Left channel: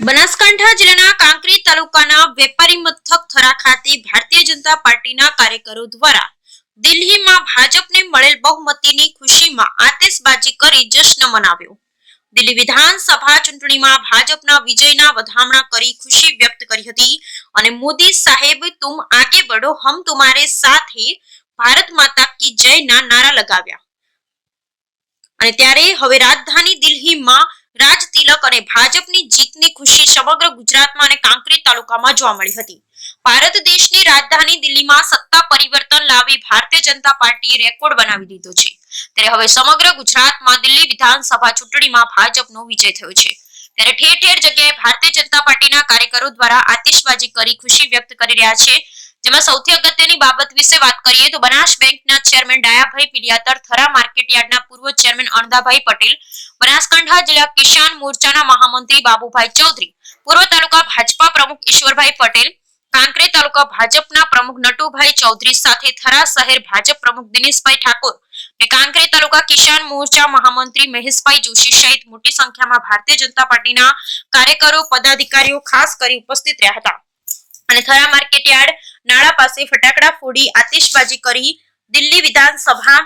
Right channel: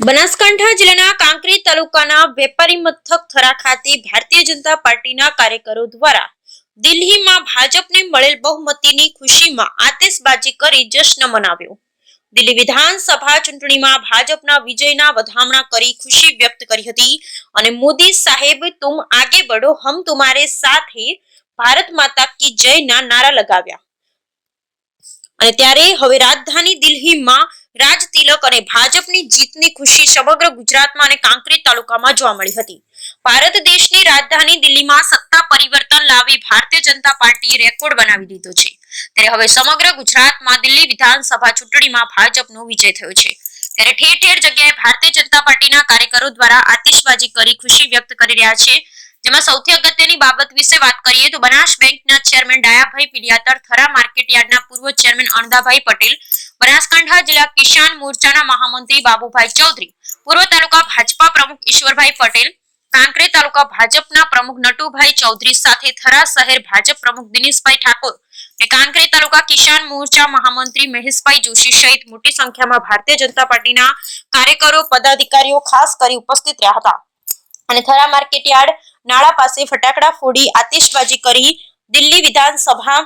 બનાસકાંઠા જિલ્લાના કાંકરી તાલુકાના વેપારી મથક થરા ખાતે ભારતીય જનતા પાર્ટીના કાર્યકરો દ્વારા દિલ્હીમાં ભાજપને મળેલ બહુમતીની ખુશીમાં આતેશબાજી કરી જશ્ન મનાવ્યો. દિલ્હી વિધાનસભા ચૂંટણીમાં ભાજપના વિજયના વધામણા કરી ખુશી વ્યક્ત કરી હતી અને મોદી સાહેબ, તુમ આગે બઢો, હમ તુમારે સાથે ભારત માતા કી જયના નારા લગાવ્યા. અને ત્યારે હવે રાજધાની દિલ્હીમાં રાજ તિલક અને ભાજપની જીતની ખુશી સમગ્ર ગુજરાતમાં અને કાંકરેજ તાલુકામાં જોવા મળી હતી. ભારત દેશની રાજધાની દિલ્હીમાં સત્તા પરિવર્તન લાવી ભારતીય જનતા પાર્ટીએ રેકોર્ડ બનાવી દીધો છે. ત્યારે હવે સમગ્ર ગુજરાતમાં દિલ્હી વિધાનસભા ચૂંટણીમાં ભાજપનો વિજય થયો છે. ત્યારે ઠેર ઠેર જગ્યાએ ભારતીય જનતા પાર્ટીના કાર્યકરો દ્વારા આતિશબાજી કરી ખુશી વ્યક્ત કરી રહ્યા છે. જેમાં સૌથી અગત્યની બાબત વિશે વાત કરીએ તો બનાસ બેંકના ચેરમેન ડાયાભાઈ પિલિયાતર થરા માર્કેટ યાર્ડના પૂર્વ ચેરમેન અણદાભાઈ પટેલ બનાસકાંઠા જિલ્લા કિસાન મોરચાના મહામંત્રી બાબુભાઈ ચૌધરી, પૂર્વ તાલુકા ભાજપા પ્રમુખ ઈશ્વરભાઈ પટેલ કાંકરે તાલુકા ભાજપના પ્રમુખ નટુભાઈ ચૌધરી સાથે થરા શહેર ભાજપ પ્રમુખ દિનેશભાઈ ઠાકોર અને કાંકરે તાલુકા કિસાન મોરચા મહામંત્રી મહેશભાઈ જોશી સહિત મોટી સંખ્યામાં ભારતીય જનતા પાર્ટીના કાર્યકરો, પદાધિકારીઓ ખાસ કરી ઉપસ્થિત રહ્યા હતા. અને થરા માર્કેટયાર્ડ નાળા પાસે ફટાકડા ફોડી આતિશબાજી કરી દિલ્હી વિધાનસભા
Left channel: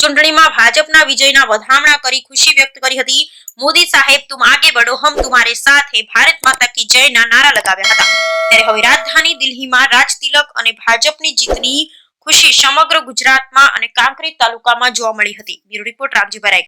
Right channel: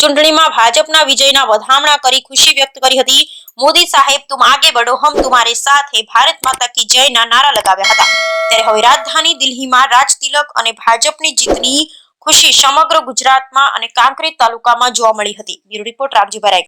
ચૂંટણીમાં ભાજપના વિજયના વધામણા કરી ખુશી વ્યક્ત કરી હતી. મોદી સાહેબ તુમ આગે બઢો હમ તુમારે સાથે ભારત માતા કી જયના નારા લગાવ્યા હતા. ત્યારે હવે રાજધાની દિલ્હીમાં રાજ તિલક અને ભાજપની જીતની ખુશી સમગ્ર ગુજરાતમાં અને કાંકરી તાલુકામાં જોવા મળી હતી. બ્યુરો રિપોર્ટ રામજીભાઈ રાય